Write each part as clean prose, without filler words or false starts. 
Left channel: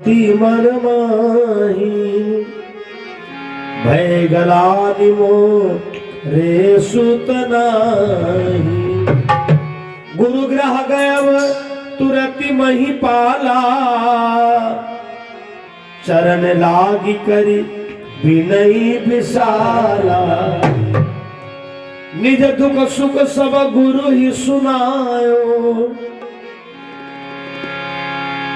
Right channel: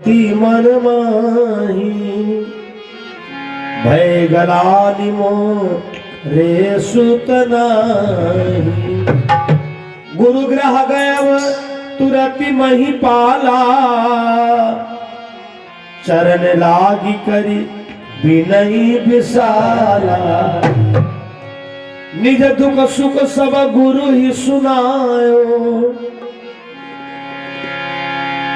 मन माही भय गलानि रे सुत नाही। गुरु ग्रह गयव तुरति मही पाला चरण लागी करी बिनई बिसाला। निज दुख सुख सब गुरु ही सुनायो।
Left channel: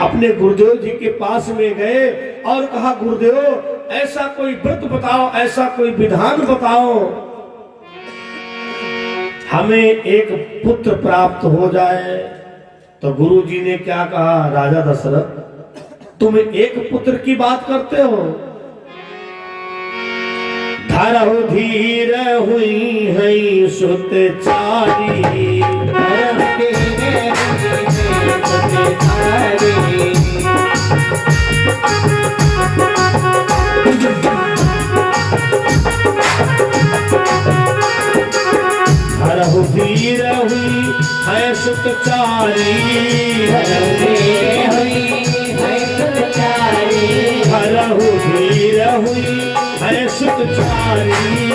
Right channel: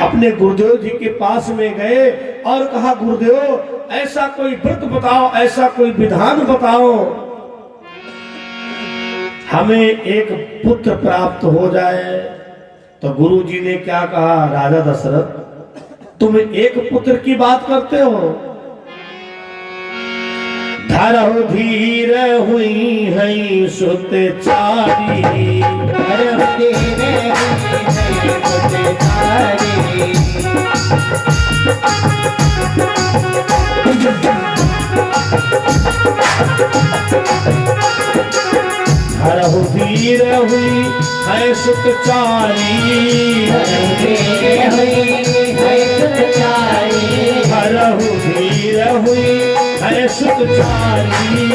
अपने गुरुदेव जी के पास में गए और कहा गुरुदेव ऐसा कोई व्रत बताओ, ऐसा कोई विधान बताओ हमें एक पुत्र प्राप्त हो जाए। तो गुरु जी ने क्या कहा, राजा दशरथ तुम एक पुत्र की बात करते हो। धरहु धीर हुई है सुत चारी हरहु धीर हुई है सुत चारी। हरहु धीर हुई है सुत चारी।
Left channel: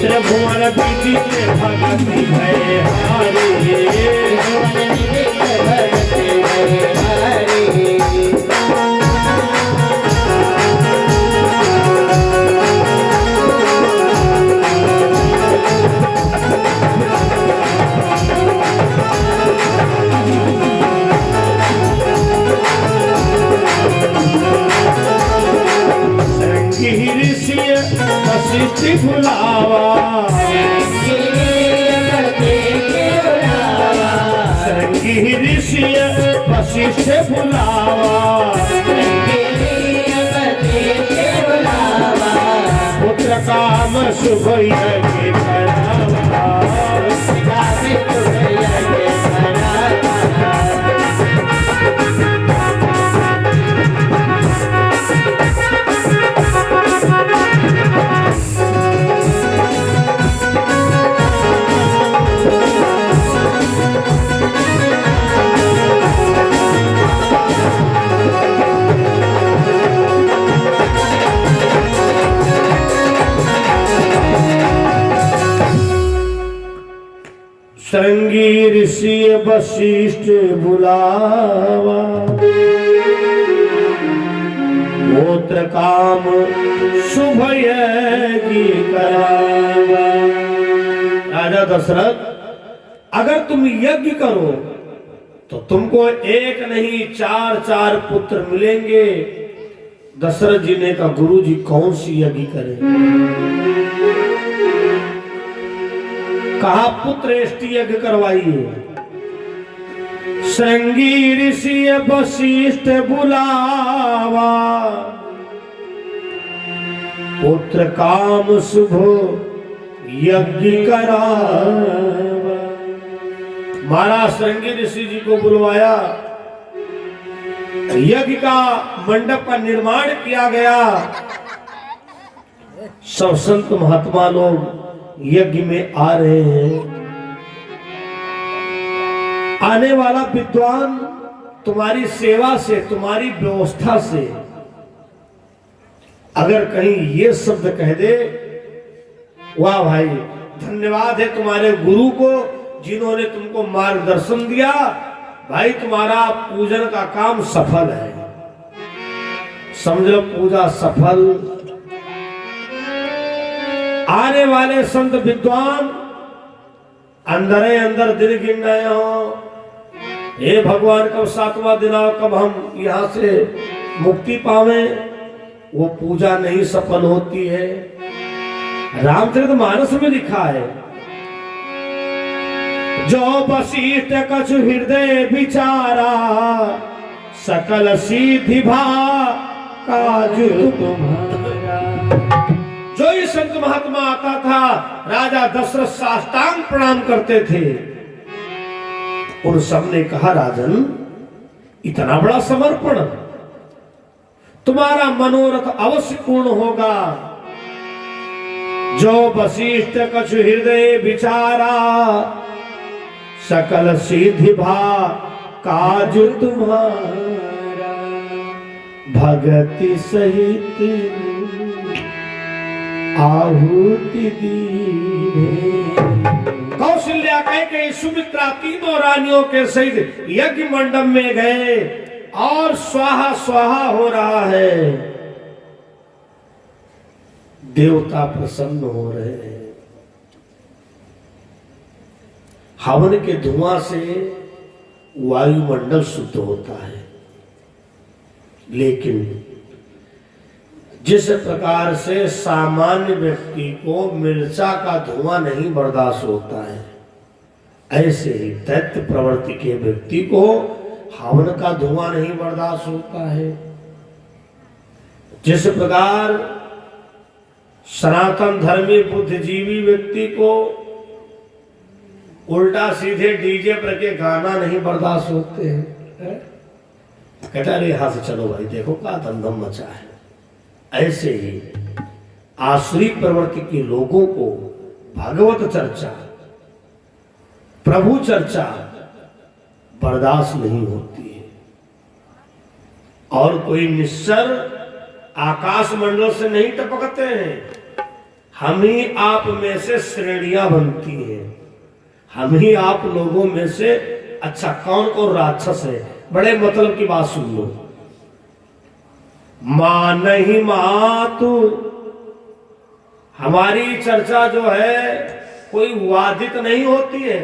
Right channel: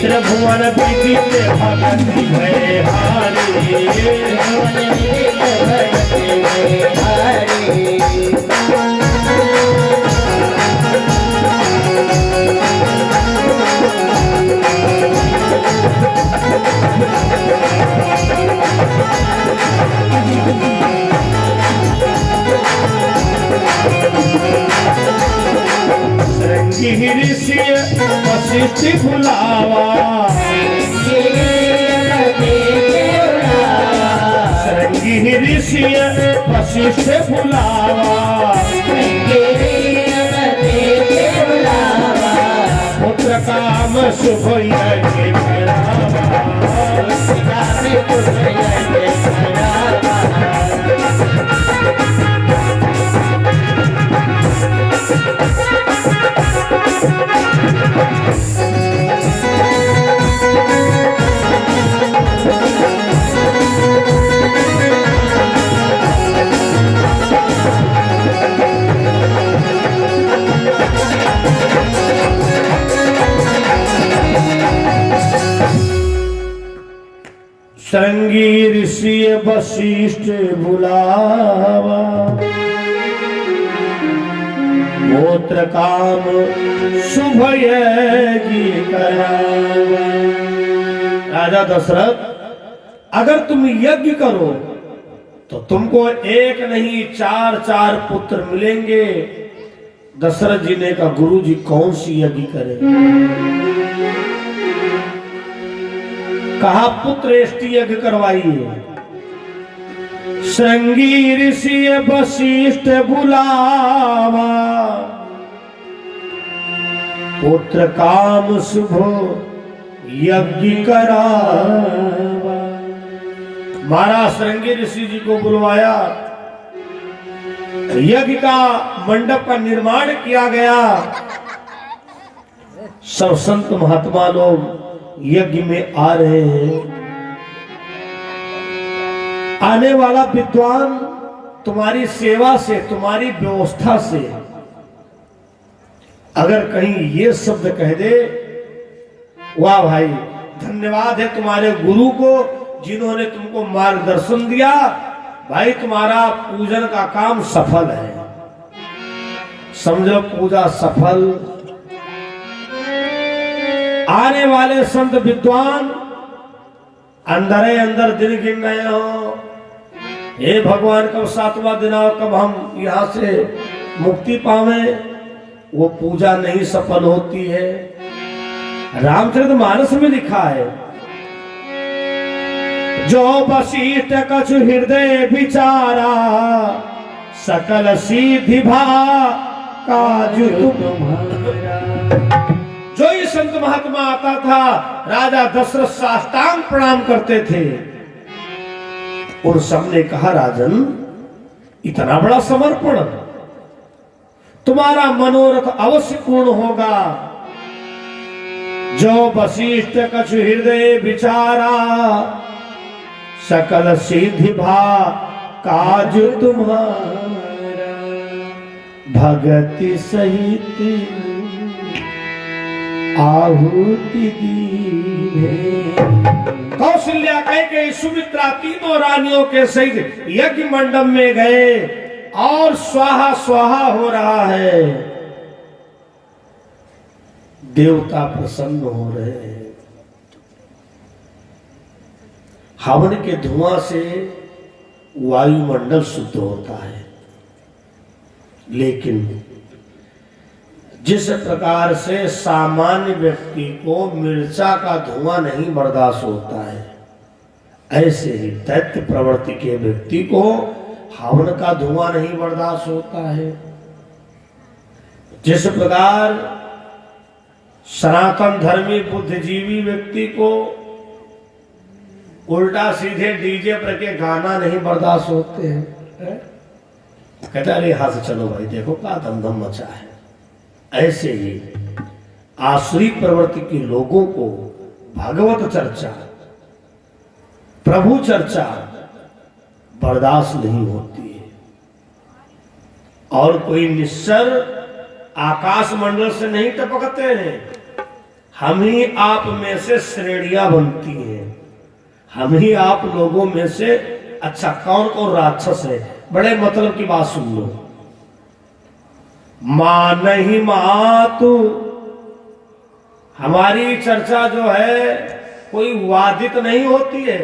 त्रिभुवन दीदी भगति है हारी। ऋषि वशिष्ठ बुलावा श्रृंगी ऋषि वशिष्ठ बुलावा। पुत्र काम शुभ यज्ञ श्रृंगी ऋषि वशिष्ठ बुलावा। गोत्र काम शुभ यज्ञ करावा। राजा दशरथ अगर तुम यज्ञ करो तो तुमको एक नहीं चार चार पुत्र मिलेंगे। दशरथ जी ने कहा गुरु जी कौन सी यज्ञ करें। कहा पुत्रेष्टि यज्ञ करवाइए। श्रृंगी ऋषि वशिष्ठ बुलावा। पुत्र काम शुभ यज्ञ करावा। महाराज श्रृंगी ऋषि जी को बुलवाया। यज्ञ का मंडप का निर्माण किया गया। सब संत महात्मा लोग यज्ञ में आ रहे हैं। आने वाला विद्वान तुम्हारी सेवा से, तुम्हारी व्यवस्था से अगर कहीं ये शब्द कह दे, वाह भाई धन्यवाद है तुम्हारे गुरु को जिन्होंने तुमको मार्गदर्शन दिया। भाई तुम्हारा पूजन का काम सफल है। समझो पूजा सफल। आने वाले संत विद्वान अंदर ही अंदर दिन गिन रहे हो, हे भगवान कब सातवां दिन आओ, कब हम यहां से मुक्ति पावे। वो पूजा नहीं सफल होती है। रामचरितमानस में लिखा है जो वशिष्ठ कछु हृदय विचारा सकल सिद्धि भा काजु तुम्हारा। जो ही संत महात्मा आता था राजा दशरथ साष्टांग प्रणाम करते थे। उन सब ने कहा राजन इतना बड़ा समर्पण, तुम्हारा मनोरथ अवश्य पूर्ण होगा। जो वशिष्ठ कछु हृदय विचारा सकल सिद्धि भा काज तुम्हारा, भगति सहित आहुति दीने। कौशल्या कह के सुमित्रा तीनों रानियों के सहित यज्ञ मंडप में गए और स्वाहा स्वाहा हो रहा है। देवता प्रसन्न हो रहे हैं। हवन के धुआं से वायुमंडल शुद्ध होता है, लेकिन जिस प्रकार से सामान्य व्यक्ति को मिर्चा का धुआं नहीं बर्दाश्त होता है, ऐसे ही दैत्य प्रवृत्ति के व्यक्ति को हवन का धुआं नहीं बर्दाश्त होता है। जिस प्रकार सनातन धर्मी बुद्धिजीवी व्यक्ति को उल्टा सीधे डीजे पर के गाना नहीं बर्दाश्त होते हैं, कहता अरे यहां से चलो भाई, देखो क्या दमदम मचा है। ऐसे ही आसुरी प्रवृत्ति के लोगों को भगवत चर्चा, प्रभु चर्चा बर्दाश्त नहीं होती है। और कोई निश्चर आकाश मंडल से नहीं टपकते हैं, हम ही आप में से श्रेणियां बनती हैं। हम ही आप लोगों में से अच्छा कौन कौन राक्षस है, बड़े मतलब की बात सुन लो। मां नहीं मातु, हमारी चर्चा जो है कोई वादित नहीं होती है।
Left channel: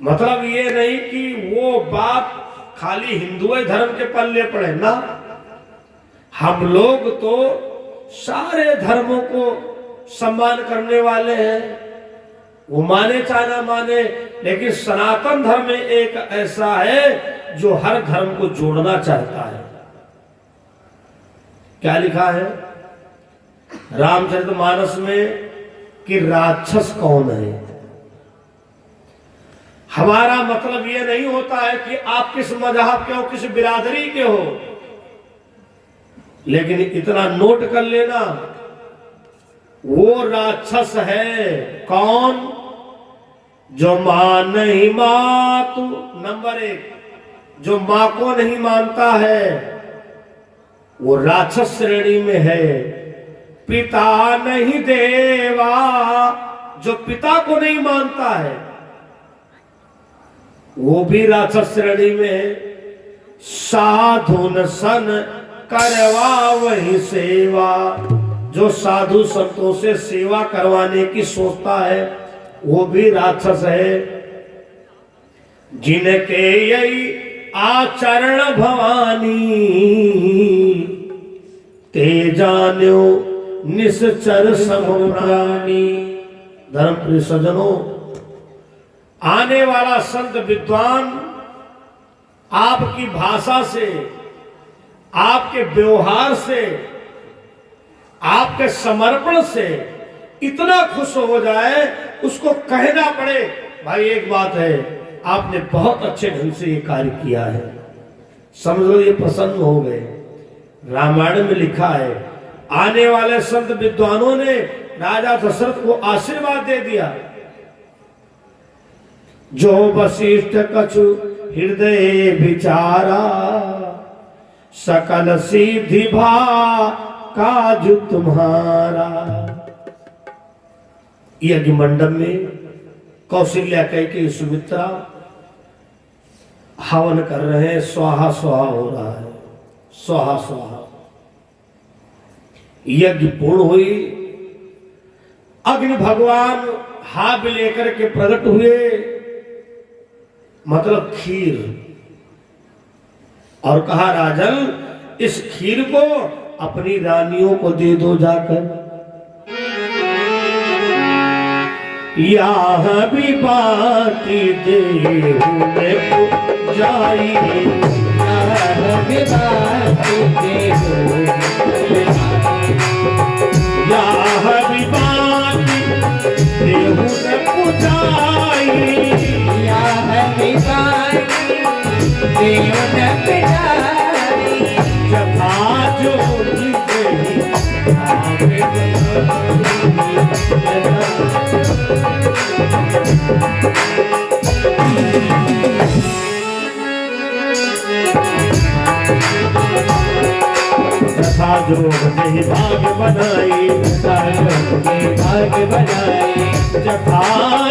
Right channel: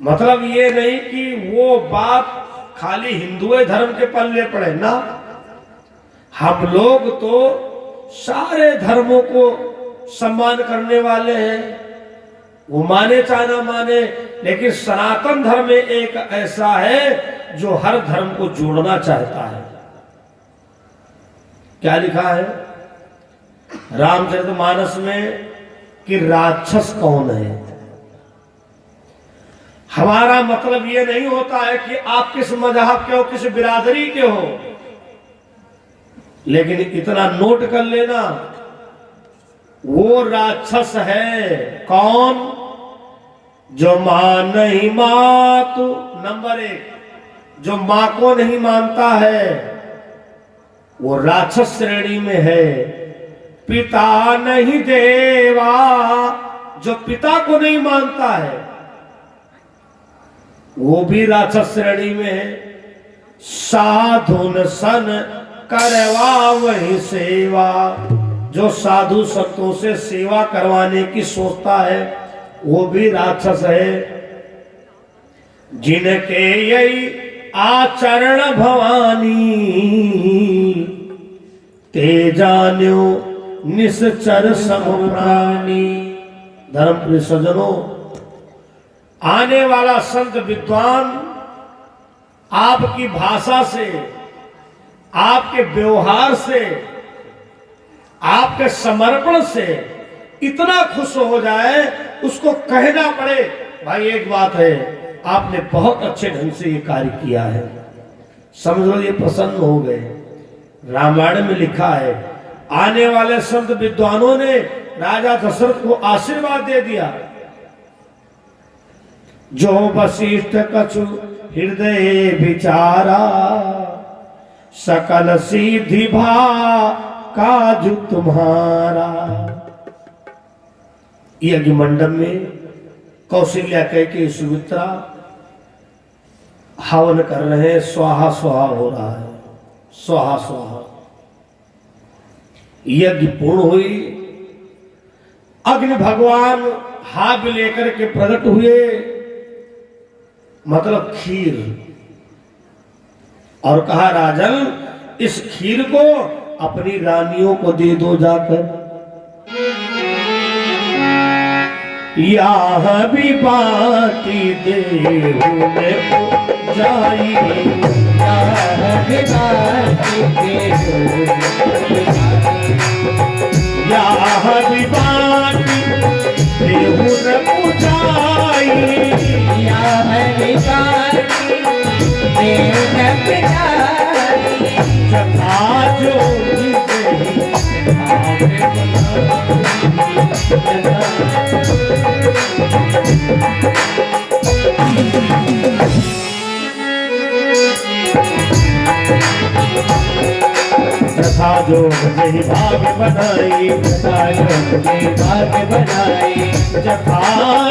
मतलब ये नहीं कि वो बात खाली हिंदू धर्म के पल्ले पड़े ना, हम लोग तो सारे धर्मों को सम्मान करने वाले हैं। वो माने चाहे ना माने, लेकिन सनातन धर्म में एक ऐसा है जो हर धर्म को जोड़ना चाहता है। क्या लिखा है रामचरितमानस में कि राक्षस कौन है। हमारा मतलब ये नहीं होता है कि आप किस मजहब के हो, किस बिरादरी के हो, लेकिन इतना नोट कर लेना, वो राक्षस है कौन, जो मां नहीं मातु। नंबर 1, जो मां को नहीं मानता है वो राक्षस श्रेणी में है। पिता नहीं देवा, जो पिता को नहीं मानता है वो भी राक्षस श्रेणी में है। साधु सन करवा वही सेवा, जो साधु संतों से सेवा करवाने की सोचता है वो भी राक्षस है। जिनके यही आचरण भवानी, ते जान्यो निश्चर सम प्राणी। धर्मप्रिय सज्जनों, आने वाला संत विद्वान आपकी भाषा से, आपके व्यवहार से, आपके समर्पण से इतना खुश हो जाए, उसको कहना पड़े भाई एक बात है, आपने बहुत अच्छे ढंग से ये कार्य किया है, समझो ये प्रसन्न हो गए। रामायण में लिखा है, आने वाले संत विद्वानों ने राजा दशरथ को आशीर्वाद दे दिया। जो वशिष्ठ कछु हृदय विचारा, सकल सिद्धि भा काज तुम्हारा। यज्ञ मंडप में कौशल्या कह के सुमित्रा हवन कर रहे हैं, स्वाहा स्वाहा हो रहा है, स्वाहा स्वाहा। यज्ञ पूर्ण हुई, अग्नि भगवान हाथ लेकर के प्रकट हुए, मतलब खीर, और कहा राजन इस खीर को अपनी रानियों को दे दो जाकर। यहाँ भी बाती देहु में जाई, यहाँ भी बाती देहु, यहाँ भी बाती देहु न पुजाई, यहाँ भी बाती देहु न पुजाई। जथा जोगी देहु साजो नहीं भाग बनाई, साजो नहीं भाग बनाई, जथा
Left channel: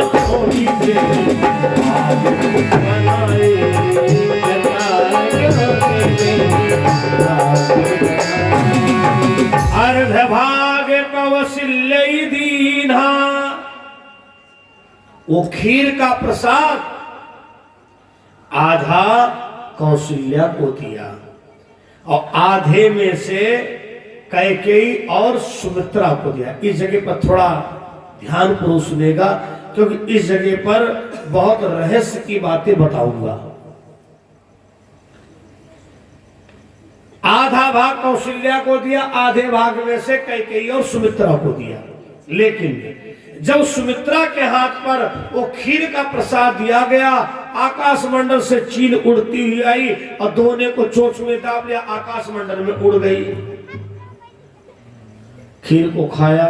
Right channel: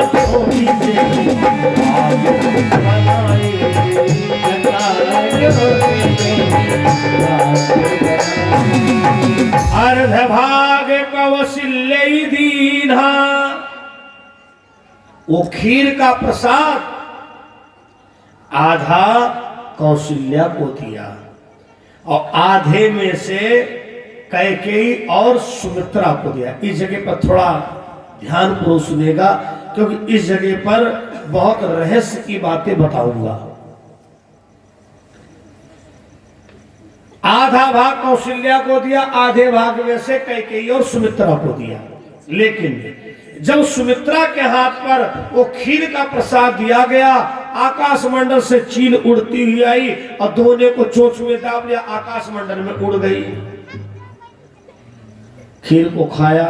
जोगी से भाग बनाई, जथा जोगी से भाग बनाई। अर्ध भाग कौशल्य दीन्हा, वो खीर का प्रसाद आधा कौशल्या को दिया और आधे में से कैकेयी और सुमित्रा को दिया। इस जगह पर थोड़ा ध्यान पूर्वक सुनेगा, क्योंकि इस जगह पर बहुत रहस्य की बातें बताऊंगा। आधा भाग कौशल्या को दिया, आधे भाग में से कैकेयी और सुमित्रा को दिया। लेकिन जब सुमित्रा के हाथ पर वो खीर का प्रसाद दिया गया, आकाश मंडल से चील उड़ती हुई आई और दोनों को चोंच में दाब लिया, आकाश मंडल में उड़ गई। खीर को खाया,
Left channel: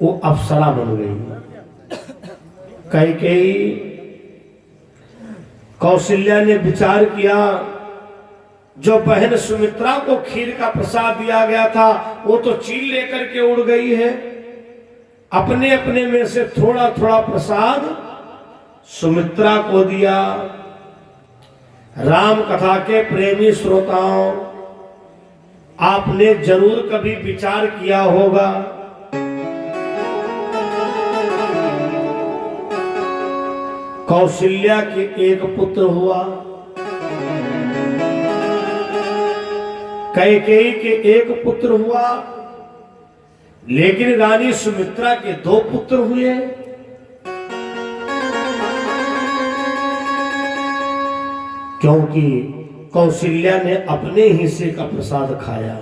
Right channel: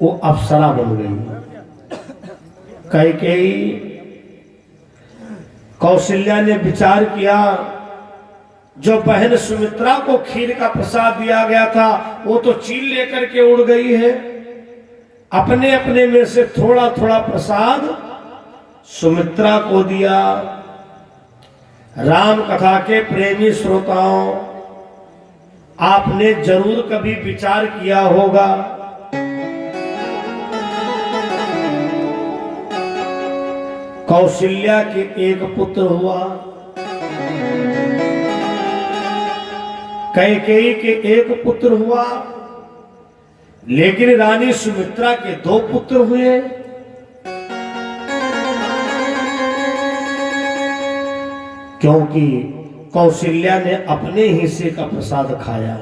वो अप्सरा बन गई। कैकेयी कौशल्या ने विचार किया, जो बहन सुमित्रा को खीर का प्रसाद दिया गया था वो तो चील लेकर के उड़ गई है, अपने अपने में से थोड़ा थोड़ा प्रसाद सुमित्रा को दिया। राम कथा के प्रेमी श्रोताओं, आपने जरूर कभी विचार किया होगा, कौशल्या के एक पुत्र हुआ, कैकेयी के एक पुत्र हुआ, लेकिन रानी सुमित्रा के 2 पुत्र हुए। क्योंकि कौशल्या ने अपने हिस्से का प्रसाद खाया।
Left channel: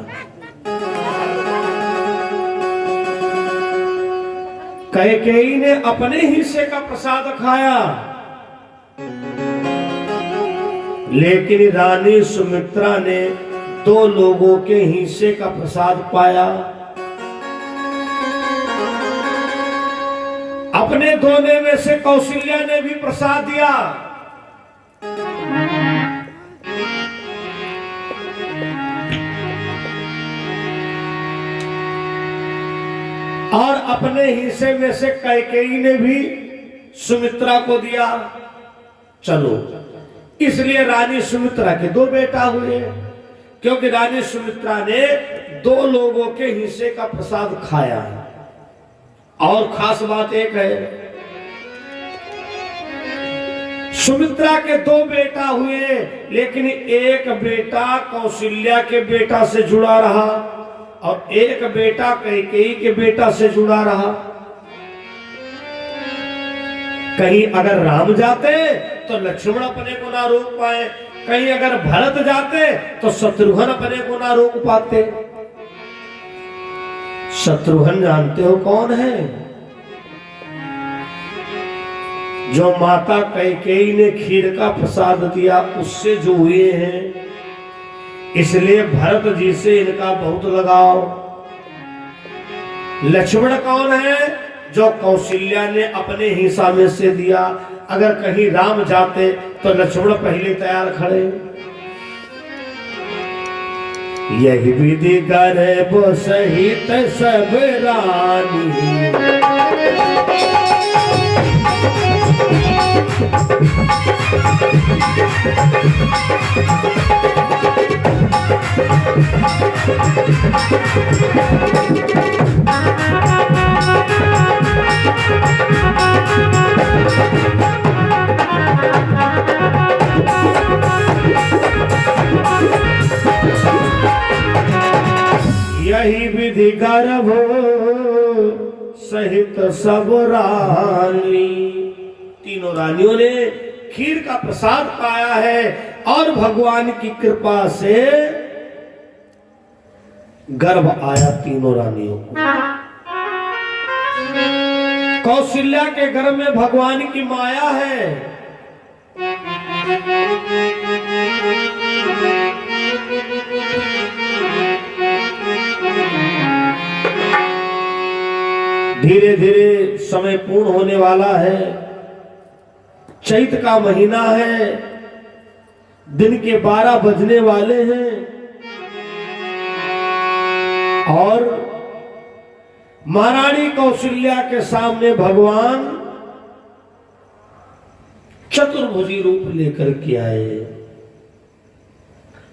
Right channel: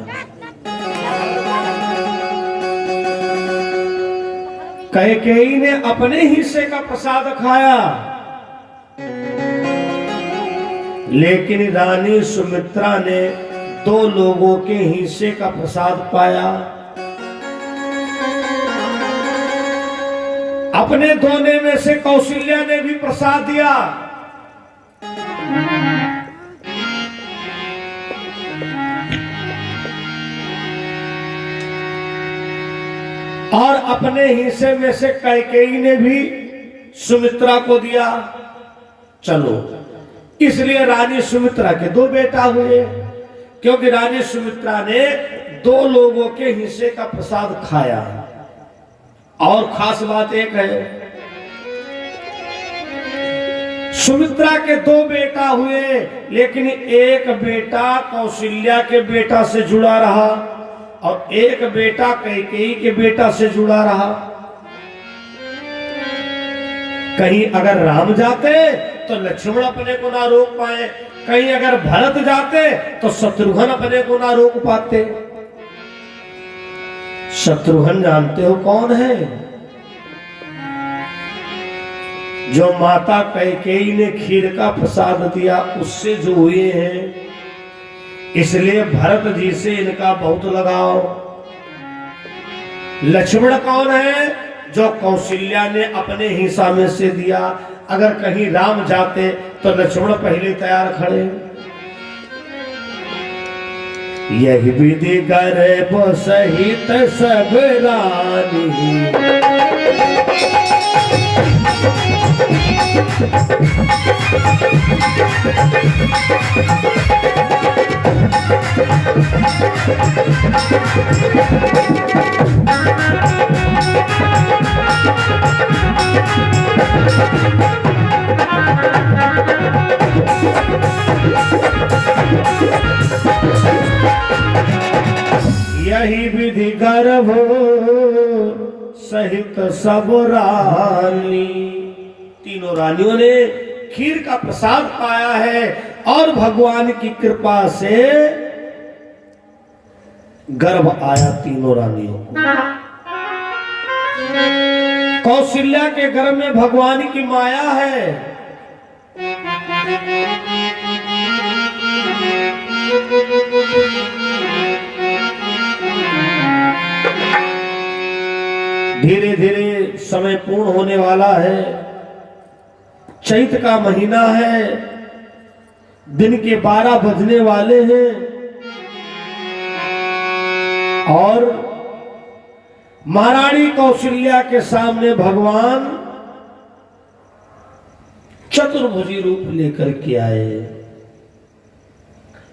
कैकेयी ने अपने हिस्से का प्रसाद खाया, लेकिन रानी सुमित्रा ने 2 लोगों के हिस्से का प्रसाद पाया। अपने दोने में से कौशल्या ने भी प्रसाद दिया। और अपने हिस्से में से कैकेयी ने भी सुमित्रा को दिया। चलो, इसलिए रानी सुमित्रा के 2 बेटा हुए, क्योंकि रानी सुमित्रा ने 2 लोगों के हिस्से का प्रसाद खाया। और खास बात एक है, सुमित्रा के 2 बेटा हुए, लेकिन एक बेटा कौशल्या के बेटा से जुड़ा रहा और एक बेटा कैकेयी के बेटा से जुड़ा रहा। कहीं अगर राम जाते तो लक्ष्मण अपने को ना रोक पाए, कहीं अगर भरत जाते तो शत्रुघ्न अपने को ना रोक पाते। शत्रुघ्न जानते हो कौन है? जो माता कैकेयी ने खीर का प्रसाद दिया उससे जो हुए हैं, इसलिए भरत जी से इनका बहुत लगाव। लक्ष्मण कौन है? जो कौशल्या ने अपने हिस्सा में से दिया। अगर कहीं राम जाते तो लक्ष्मण पहले तैयार खड़े। यही विधि गर्भ सहित सब रानी, यही विधि गर्भ सहित सब रानी। तीनों रानियों ने खीर का प्रसाद पाया है और भगवान की कृपा से गर्भ आया तीनों रानियों को। कौशल्या के गर्भ में भगवान की माया है। धीरे धीरे समय पूर्ण होने वाला है। चैत का महीना है, दिन के 12 बजने वाले हैं। और महारानी कौशल्या के सामने भगवान चतुर्भुजी रूप लेकर के आए।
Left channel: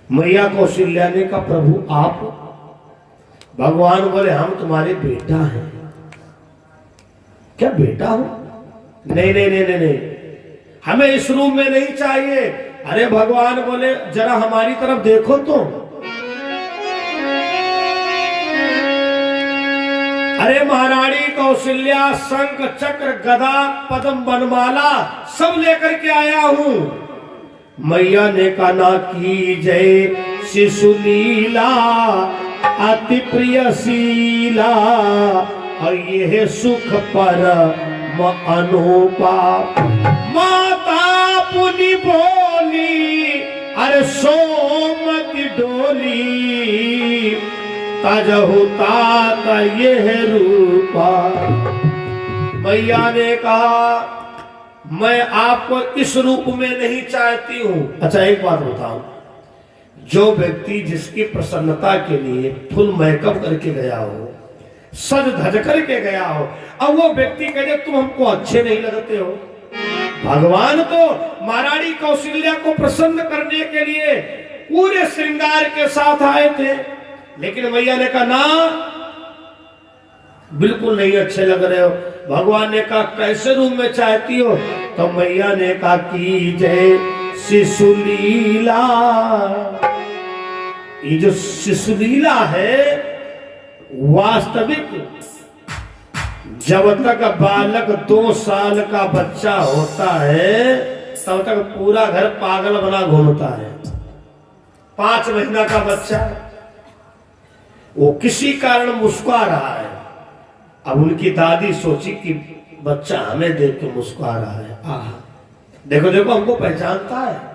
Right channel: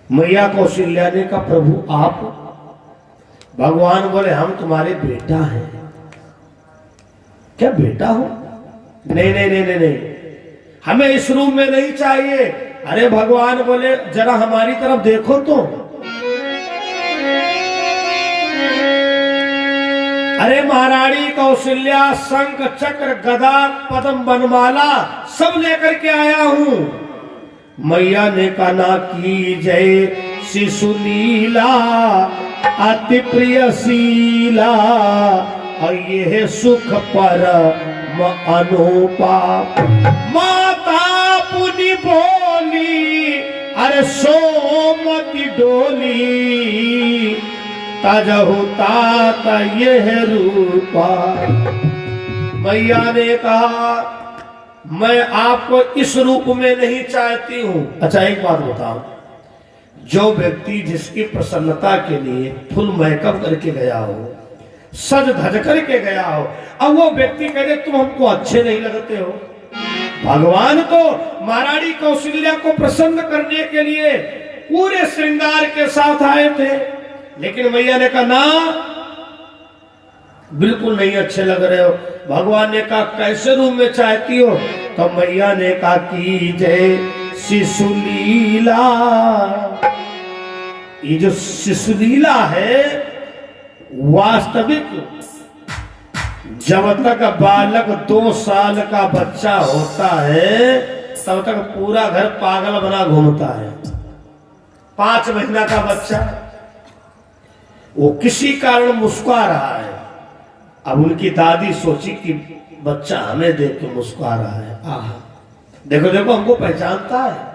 मैया कौशल्या ने कहा प्रभु आप? भगवान बोले हम तुम्हारे बेटा हैं। क्या बेटा हो? नहीं नहीं नहीं नहीं नहीं, हमें इस रूम में नहीं चाहिए। अरे भगवान बोले जरा हमारी तरफ देखो तो। अरे महारानी कौशल्या शंख चक्र गदा पद्म बनमाला सब लेकर के आया हूं। मैया ने कहा ना की जय शिशुलीला अति प्रियशीला और यह सुख पर अनूपा। माता पुनि बोली अरे सोमति डोली तजहु तात यह रूपा। मैया ने कहा मैं आपको इस रूप में नहीं चाहती हूं। अच्छा एक बात बताओ, जो व्यक्ति जिसकी प्रसन्नता के लिए फुल मेकअप करके गया हो, सज धज करके गया हो, अब वो व्यक्ति कहे तुम हमको अच्छे नहीं लगते हो। भगवान तो महारानी कौशल्या को प्रसन्न करने के लिए पूरे श्रृंगार के साथ आए थे, लेकिन मैया ने कहा ना बिल्कुल नहीं अच्छे लग रहे हो। भगवान ने कहा कैसे रूम में चाहती हो? तो मैया ने कहा कि जय शिशुलीला। ये जो शिशुलीला है वास्तविक जब तक बालक 2 साल का बच्चा होता है तब तक पूरा घर पागल बना घूमता है। 5 महीना का बच्चा वो किसी कारण मुस्कुरा रहा है। अब उनकी दादी सोची कि बच्चा हमें देख के मुस्कुरा रहा है, आहा देखो देखो हमको पहचानता है।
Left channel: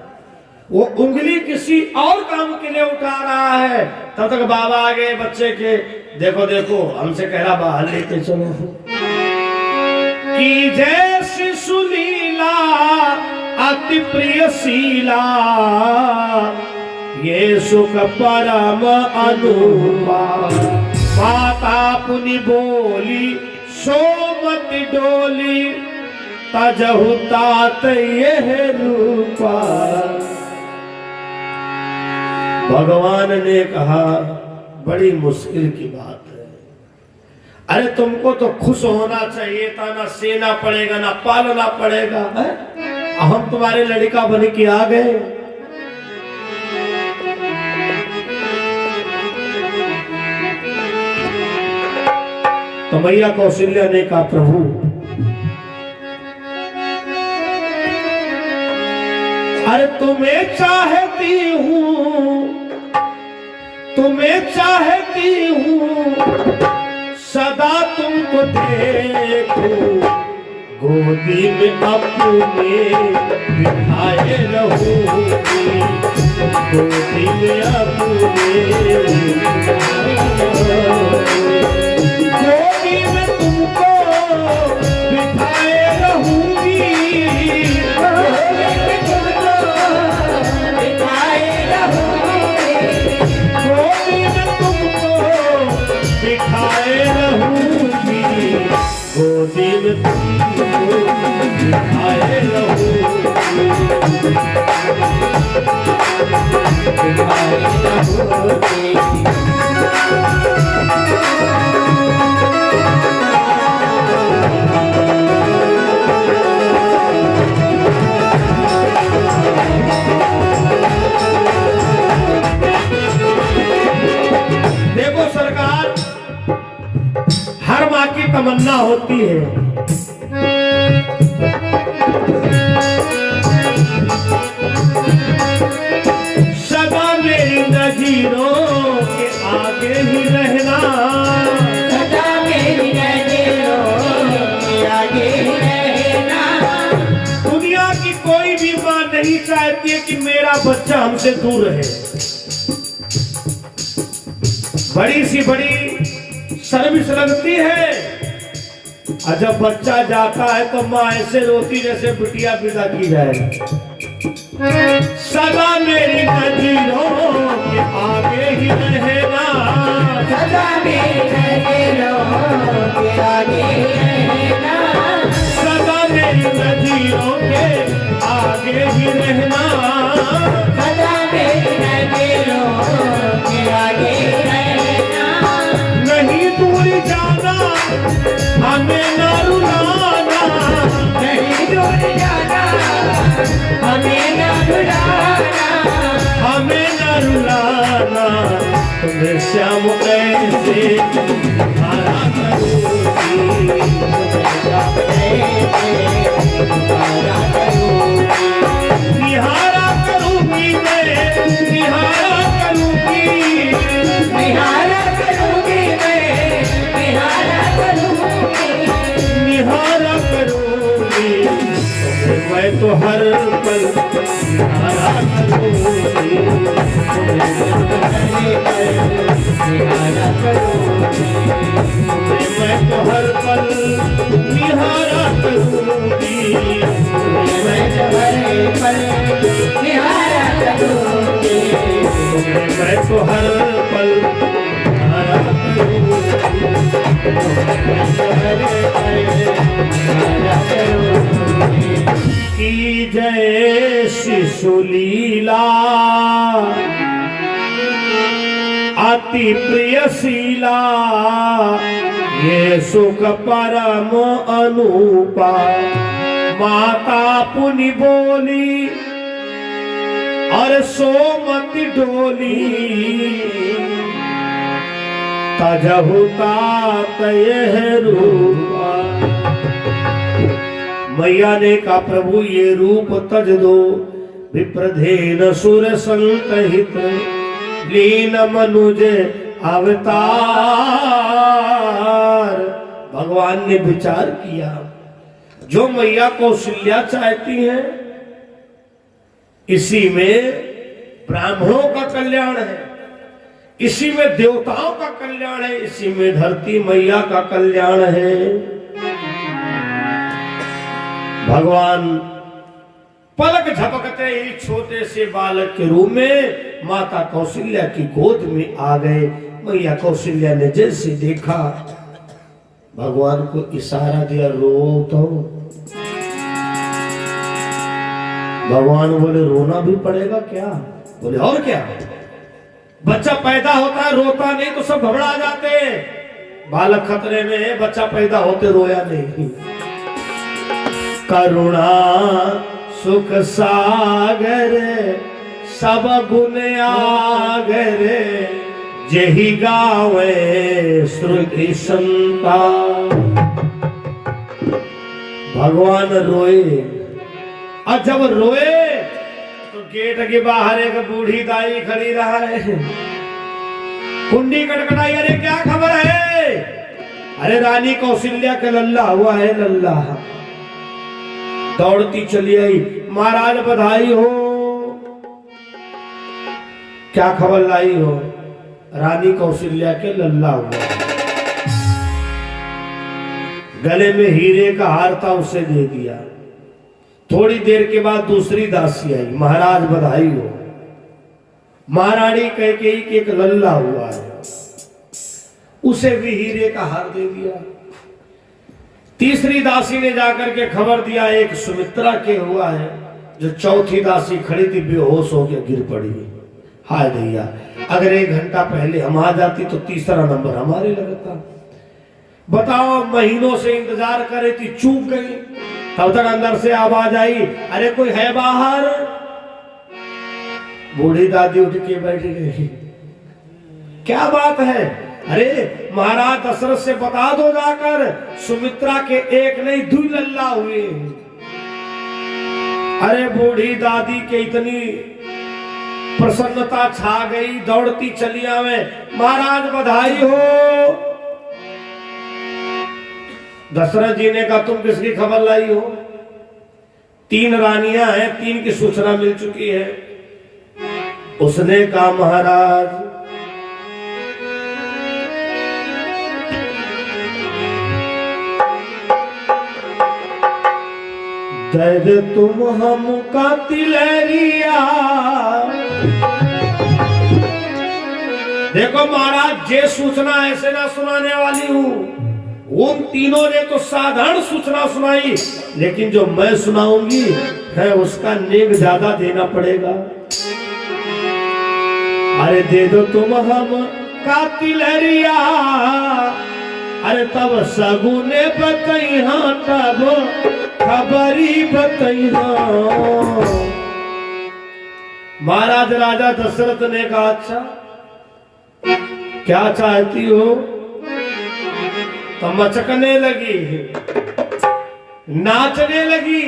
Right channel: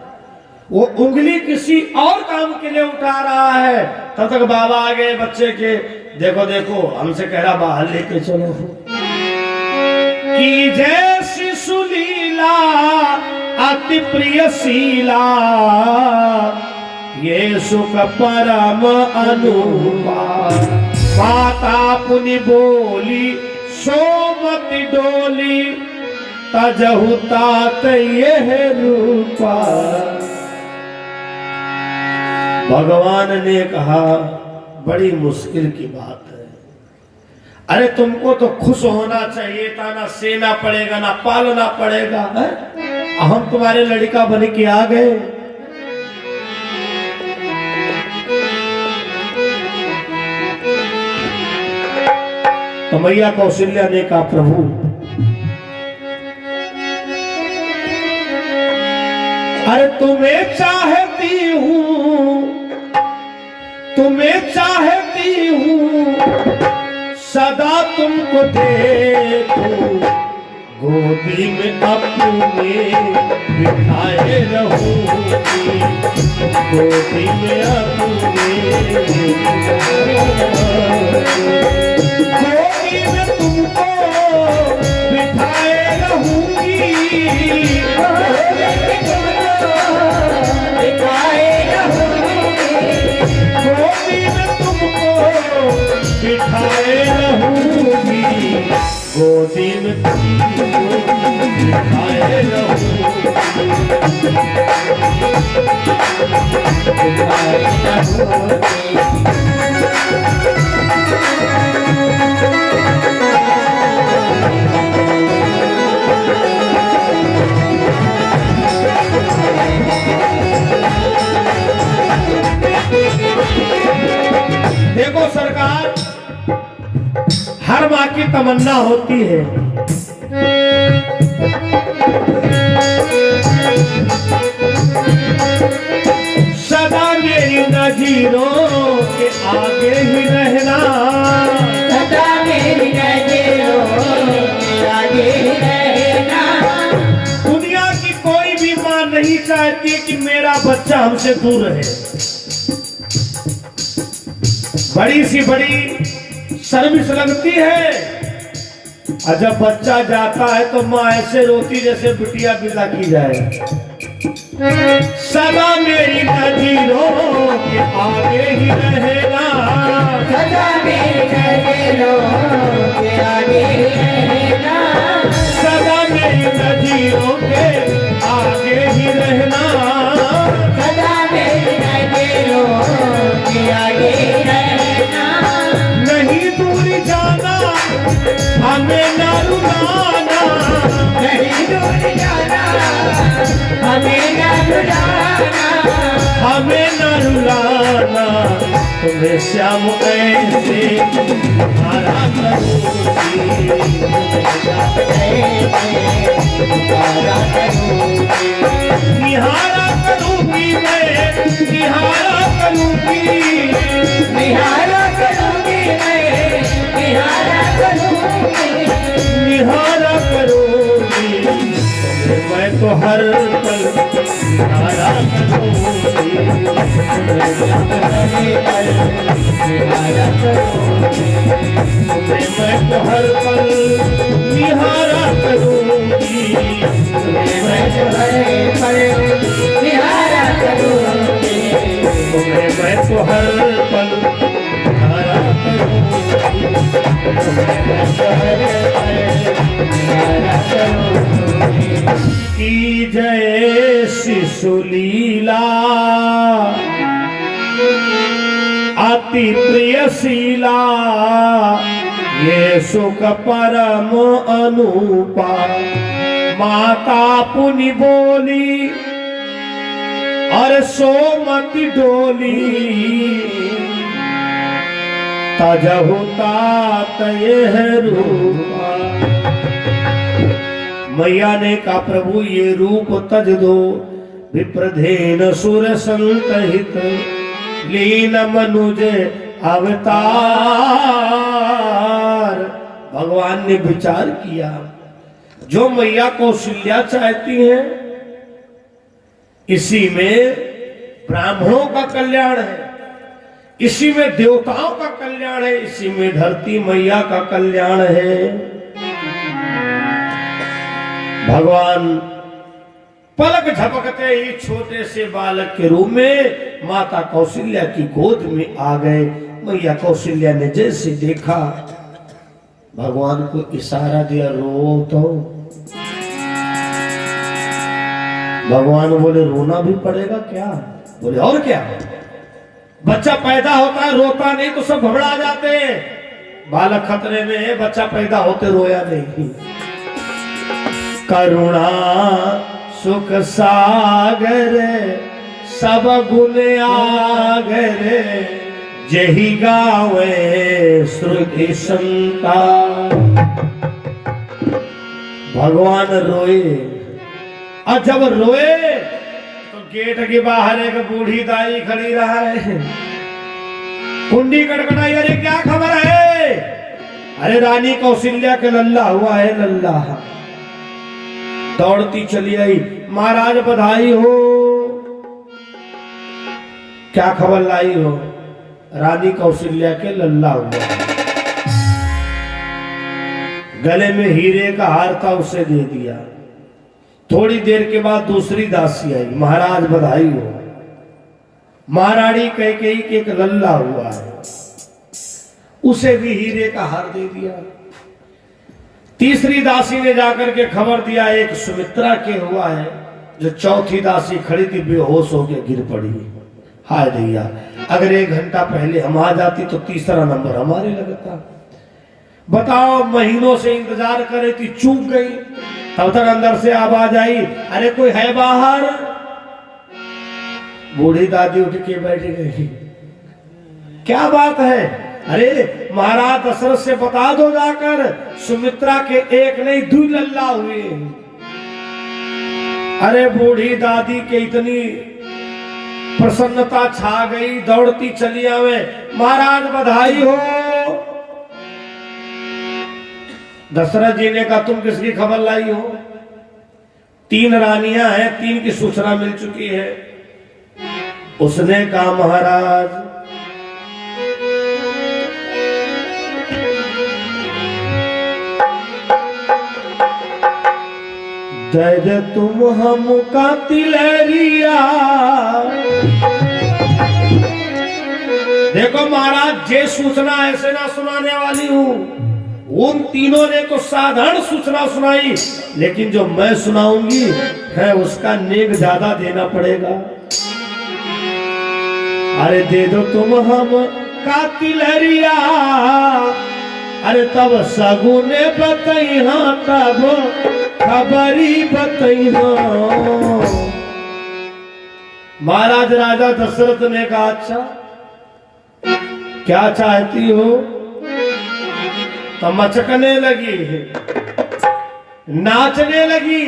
वो उंगली किसी और काम के लिए उठा रहा है, तब तक बाबा आ गए बच्चे के, देखो देखो हमसे कह रहा बाहर लेके चलो। की जय शिशुलीला अति प्रियशीला ये सुख परम अनूपा। माता पुनि बोली सोमति डोली तजहु तात यह रूपा। भगवान ने कहा बड़ी मुश्किल की बात है। अरे तुमको तो खुश होना चाहिए था, ना सेना पड़ेगा ना पालना पड़ेगा है? हम तुम्हारे लड़का बन के आ गए। तो मैया कौशल्या ने कहा प्रभु अरे तुम्हें चाहती हूं, तुम्हें चाहती हूं सदा तुमको देखूं, गोदी में अपने बिठाए रहूंगी, गोदी में अपने गोदी में तुमको बिठाए रहूंगी, गोदी में तुमको बिठाए रहूंगी, गोदी में तुमको बिठाए देखो सरकार, हर माँ की तमन्ना होती है सदा मेरी नजरों के आगे ही रहना, सदा मेरी नजरों के आगे ही रहना। दुनिया की कोई भी माँ नहीं चाहती कि मेरा बच्चा हमसे दूर रहे। बड़ी सी बड़ी सर्विस लगती है और जब बच्चा जाता है तो माँ ऐसे रोती जैसे बिटिया विदा की जाए। सदा मेरी नजरों के आगे ही रहना, सदा हमें न रुलाना, तुम्हें श्याम ऐसे निहारा करूंगी, निहारा करूंगी मैं, निहारा करूंगी, निहारा करूंगी मैं, निहारा करूंगी, निहारा करूंगी तुम्हें मैं तो हर पल निहारा करूंगी, तुम्हें मैं तो हर पल निहारा करूंगी, मैं तो हर पल निहारा करूंगी, तुम्हें मैं तो हर पल निहारा करूंगी, मैं तो हर पल निहारा करूंगी। की जय शिशु लीला अति प्रिय शीला, ये सुख परम अनुपा, माता पुनि बोली और सोमति डोली, तजहु तात यह रूपा। मैया ने कहा प्रभु ये रूप तज दो, विप्रधेन सुर संतहित, लीन मनुज अवतार। भगवान ने विचार किया, जो मैया कौशल्या चाहती हैं इसी में ब्राह्मणों का कल्याण है, इसी में देवताओं का कल्याण है, इसी में धरती मैया का कल्याण है। भगवान पलक झपकते ही छोटे से बालक के रूप में माता कौशल्या की गोद में आ गए। मैया कौशल्या ने जैसे देखा, भगवान को इशारा दिया, रो तो। भगवान बोले रोना भी पड़ेगा क्या? बोले और क्या, बच्चा पैदा होता है रोता नहीं तो सब घबरा जाते हैं। बालक खतरे में है, बच्चा पैदा होते रोया नहीं। करुणा सुख सागर सब गुण आगर, जही गावे श्रुति संता। भगवान रोए, और जब रोए तो गेट के बाहर एक बूढ़ी दाई खड़ी रहा है। कुंडी कटकटाई, अरे क्या खबर है? अरे रानी कौशल्या के लल्ला हुआ है, लल्ला। दौड़ती चली आई, महाराज बधाई हो। क्या खबर लाई हो? रानी कौशल्या के लल्ला हुआ। गले में हीरे का हार था, उसे दे दिया। थोड़ी देर के बाद दूसरी दासी आई, महाराज बधाई हो। महारानी कैकेयी के एक लल्ला हुआ है, उसे भी हीरे का हार दे दिया। तीसरी दासी ने जाकर के खबर दिया, एक सुमित्रा के हुआ है। जो चौथी दासी खड़ी थी बेहोश होकर गिर पड़ी। हाय भैया, अगर 1 घंटा पहले हम आ जाती तो तीसरा नंबर हमारे लगता। बताओ, महीनों से इंतजार करे थी, चूक गई। तब तक अंदर से आवाज आई, अरे कोई है बाहर? बूढ़ी दादी उठ के बैठ गई। क्या बात है? अरे महाराज दशरथ से बता दो जाकर, सुमित्रा के एक नहीं 2 लल्ला हुए। अरे बूढ़ी दादी के इतनी प्रसन्नता छा गई, दौड़ती चली आवे, महाराज बधाई हो। दशरथ जी ने कहा, तुम किसकी खबर लाई हो? 3 रानियां हैं, 3 की सूचना मिल चुकी है। उसने कहा, महाराज दे तुम हमका तिलरिया। देखो महाराज, जे सूचना ऐसे ना सुनाने वाली हूं। उन तीनों ने तो साधारण सूचना सुनाई, लेकिन जो मैं सुनाऊंगी है उसका नेक ज्यादा देना पड़ेगा। अरे दे दो तुम हम का तिलरिया। अरे तब सगुने बतैहा, तब खबरी बतैहा। महाराज राजा दशरथ ने कहा, अच्छा क्या चाहती हो? तो मचकने लगी, नाचने लगी।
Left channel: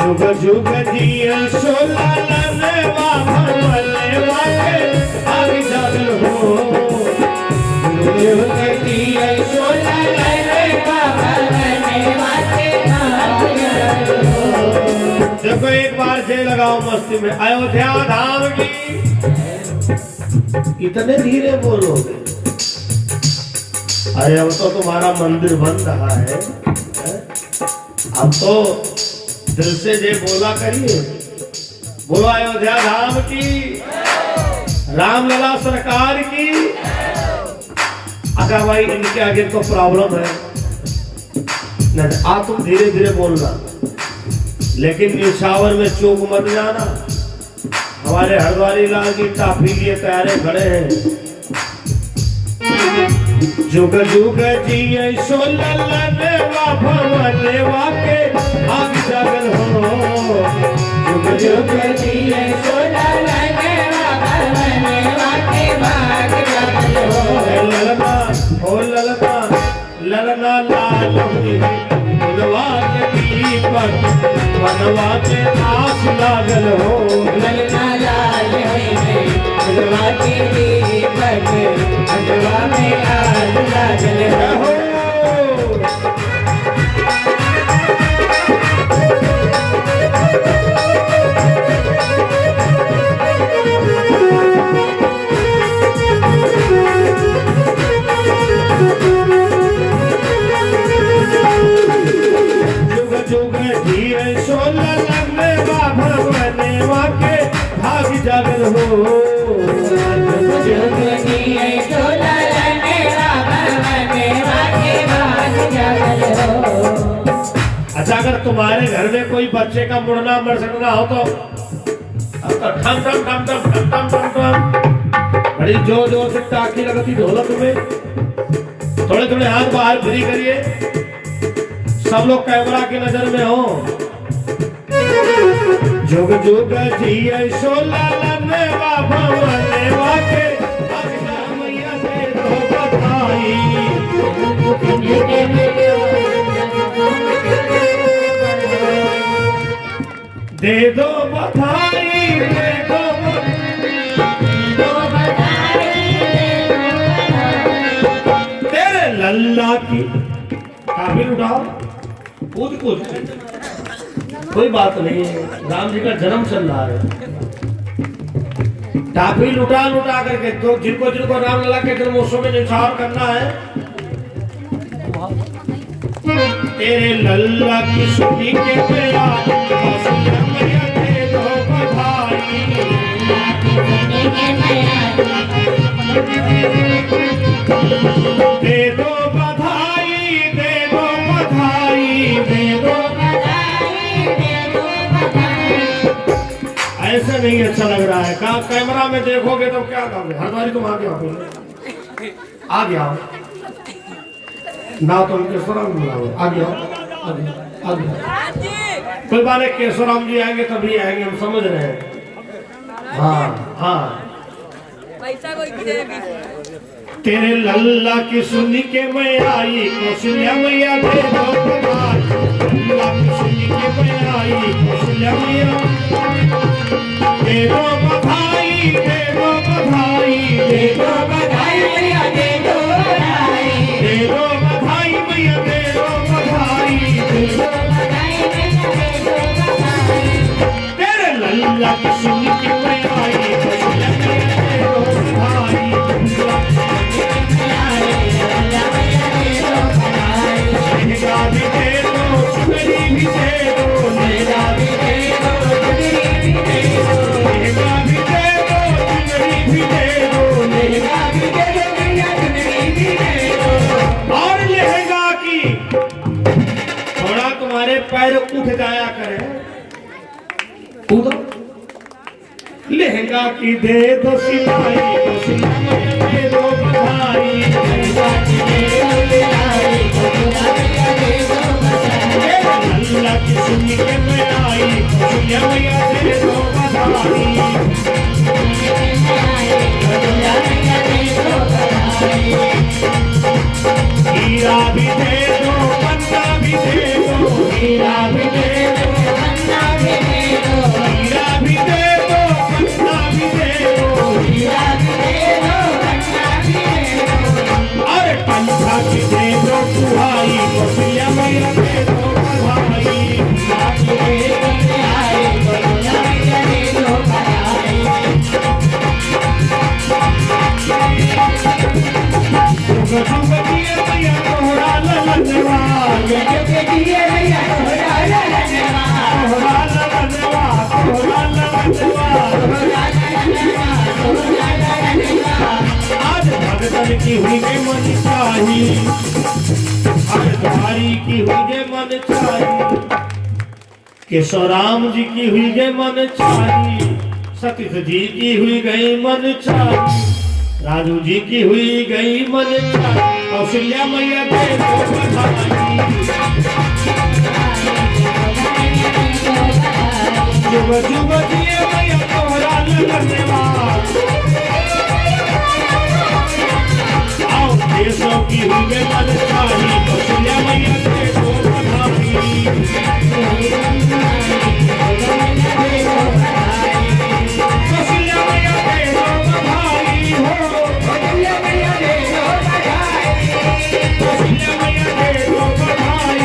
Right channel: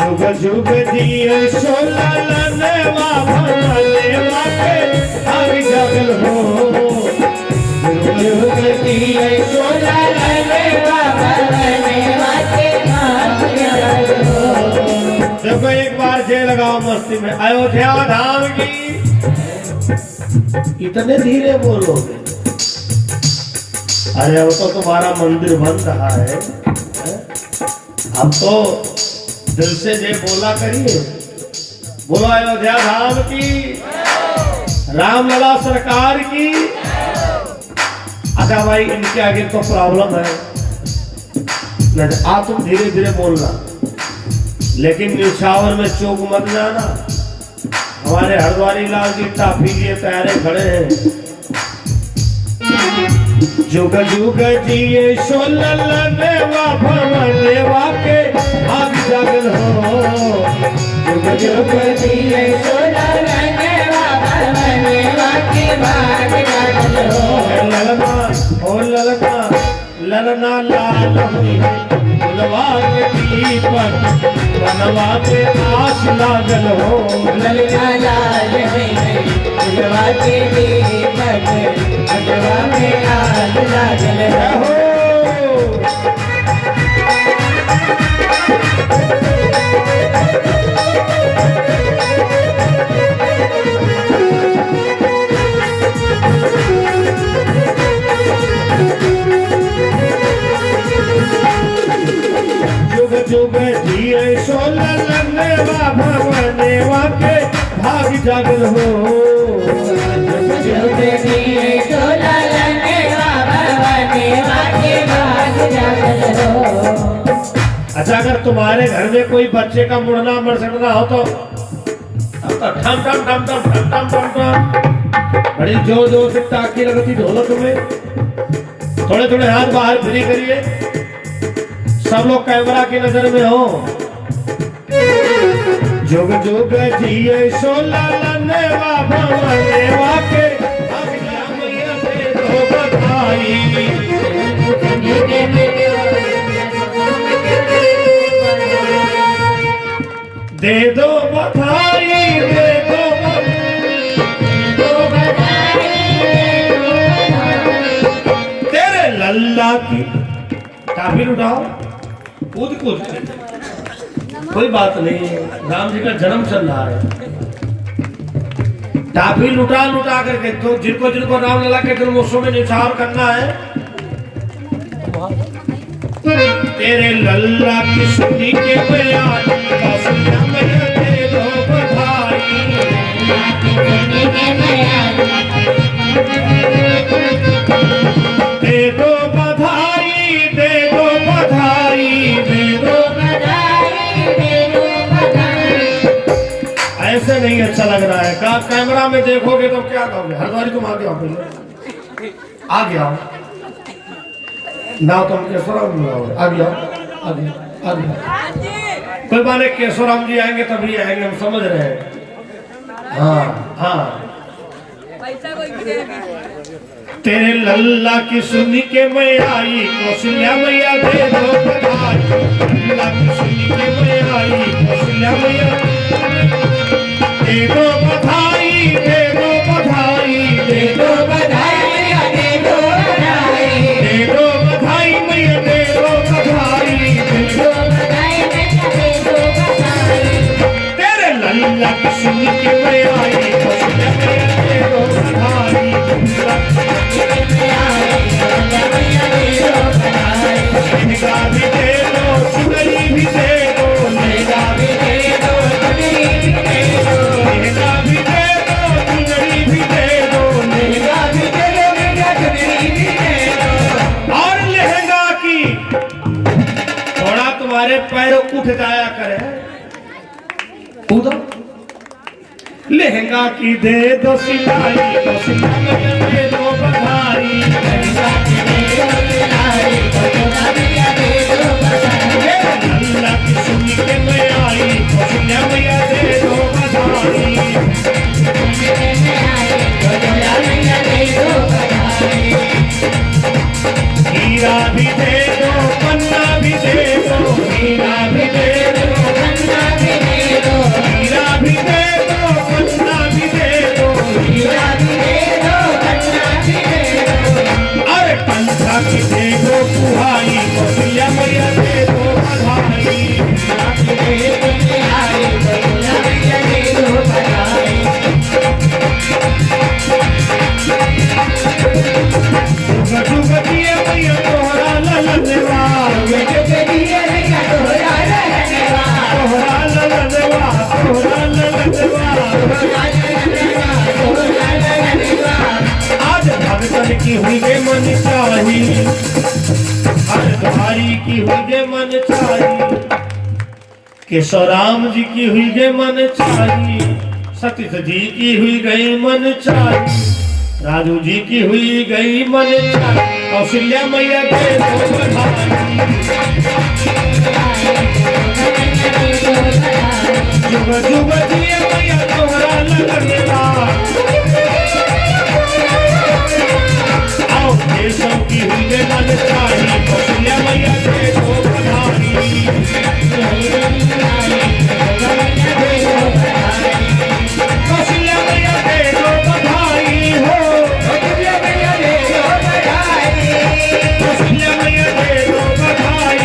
जुग जुग जिए सोला लनवा भगवानवा के आग जागल हो। जुग जुग जिए सोला लनवा भगवानवा के आग जागल हो। देखो एक बार जे लगाओ मस्ती में, अयोध्या धाम की। इतने धीरे बोलोगे? अरे वो तो तुम्हारा मंदिर बन रहा है। अब तो दिल से जे बोला करिए। बोलो अयोध्या धाम की, रामलला सरकार की। अगर भाई इनके आगे तो प्रॉब्लम है, नहीं आ तुम धीरे धीरे बोलना, लेकिन निशावर में चौक मत जाना। हमारे हरद्वारी लाल जी टाफी लिए तैयारे खड़े हैं। जुग जुग जिए सोललनेवा भवनेवा के आग जागल हो। जुग जुग जिए सोललनेवा भवनेवा के आग जागल हो। ललना ओ ललना, ललना लाल हुई फुलवा के दीपक, वनवा के आस लागल हो। ललना लाल हुई फुलवा के दीपक, वनवा के आस लागल हो। जुग जुग जिए सोललनेवा भवनेवा के भाग जागल हो। जुग जुग जिए सोललनेवा भवनेवा के भाग जागल हो। अच्छा, अगर तुम्हारे घर में कोई बच्चे का मुड़ना मरसटना हो तो ठम ठम ठम ठम ठम ठम ठम ठम बड़ी जोर जोर से टाकी लगती ढोलक में। थोड़े थोड़े हाथ बाहर फ्री करिए, सब लोग कैमरा की नजर में हो। जुग जुग जिए सोललनेवा भवनेवा के दो बधाई। दे दो बधाई, दे दो तेरे लल्ला की। काफी उठाओ, कूद कूद के, कोई बात नहीं है, राम जी का जन्म चल रहा है। टाफी लुटा लुटा करके तो जिनको जिनको रामलला के जन्मोत्सव में निछावर करना है। तेरे लल्ला की सुनी के बयान कौशल्या मैया दे दो बधाई। दे दो बधाई, दे दो बधाई, दे दो बधाई, दे दो बधाई। ऐसे नहीं अच्छा लग रहा है। का कैमरा में देखोगे तो क्या कहोगे? हरद्वारी तुम आ गया, पहले आ गया ना, तुम केशवराम बुलाओ, आ गया आ गया आ गया। कोई बात नहीं, केशवराम जी आएंगे तभी आएंगे, हम समझ रहे हैं। हाँ हाँ, तेरे लल्ला की सुनी के मैं आई, कौशल्या मैया दे दो बधाई। लल्ला की सुनी के मैं आई, कौशल्या मैया दे दो बधाई, दे दो बधाई, दे दो बधाई मैया, दे दो बधाई, दे दो बधाई मैया, दे दो बधाई, दे दो बधाई मैया, दे दो बधाई। तेरे लल्ला की सुनी के मैं आई, कौशल्या मैया दे दो बधाई। मेरा भी दे दो, चुनरी भी दे दो, मेरा भी दे दो, चुनरी भी दे दो, मेरा भी दे दो, चुनरी भी दे दो, मेरा भी दे दो, मेरा चुनरी भी दे दो। और लहंगा की थोड़ा तुम्हारे पैर उठ जाया करे, कूदो। लहंगा की दे दो सिलाई, तो सिलाई दे दो बधाई। लहंगा की दे दो सिलाई, हीरा भी दे दो पन्ना भी दे दो, हीरा भी दे दो पन्ना भी दे दो, हीरा भी दे दो पन्ना भी दे दो, हीरा भी दे दो पन्ना भी दे दो, अरे पंखा की दे दो कुहाई, कौशल्या मैया दे दो बधाई, लाठी दे दो बिहारी, कौशल्या मैया दे दो बधाई। जुग जुग जिए मैया तोहरा ललनवा, जुग जुग जिए मैया तोहरा ललनवा, तोहरा ललनवा, तोहरा ललनवा, तोहरा ललनवा, तोहरा ललनवा। आज भगतन की हुई के मन चाही, आज तुम्हारी की हुई के मन चाही, केशवराम जी की हुई के मन चाही, सतीश जी की हुई गई मन चाही, राजू जी की हुई गई मन चाही, कौशल्या मैया दे दो बधाई, जुग जुग जिए मैया तोहरा ललनवा, आओ देशों की हुई के मन चाही, कौशल्या मैया दे दो बधाई, कौशल्या मैया दे दो बधाई हो, कौशल्या मैया दे दो बधाई, कौशल्या मैया दे दो बधाई,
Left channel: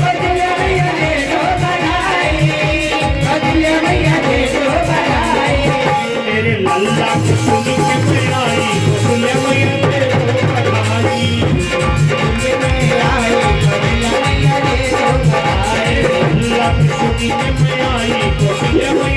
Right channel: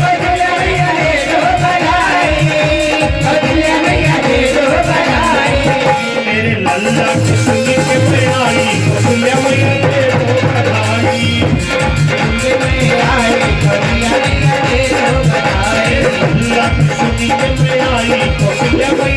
कौशल्या मैया दे दो बधाई, कौशल्या मैया दे दो बधाई। मेरे लल्ला की सुनी के मैं आई, कौशल्या मैया दे दो बधाई, सुनने में आई, कौशल्या मैया दे दो बधाई, लल्ला की सुनी के मैं आई, कौशल्या मैया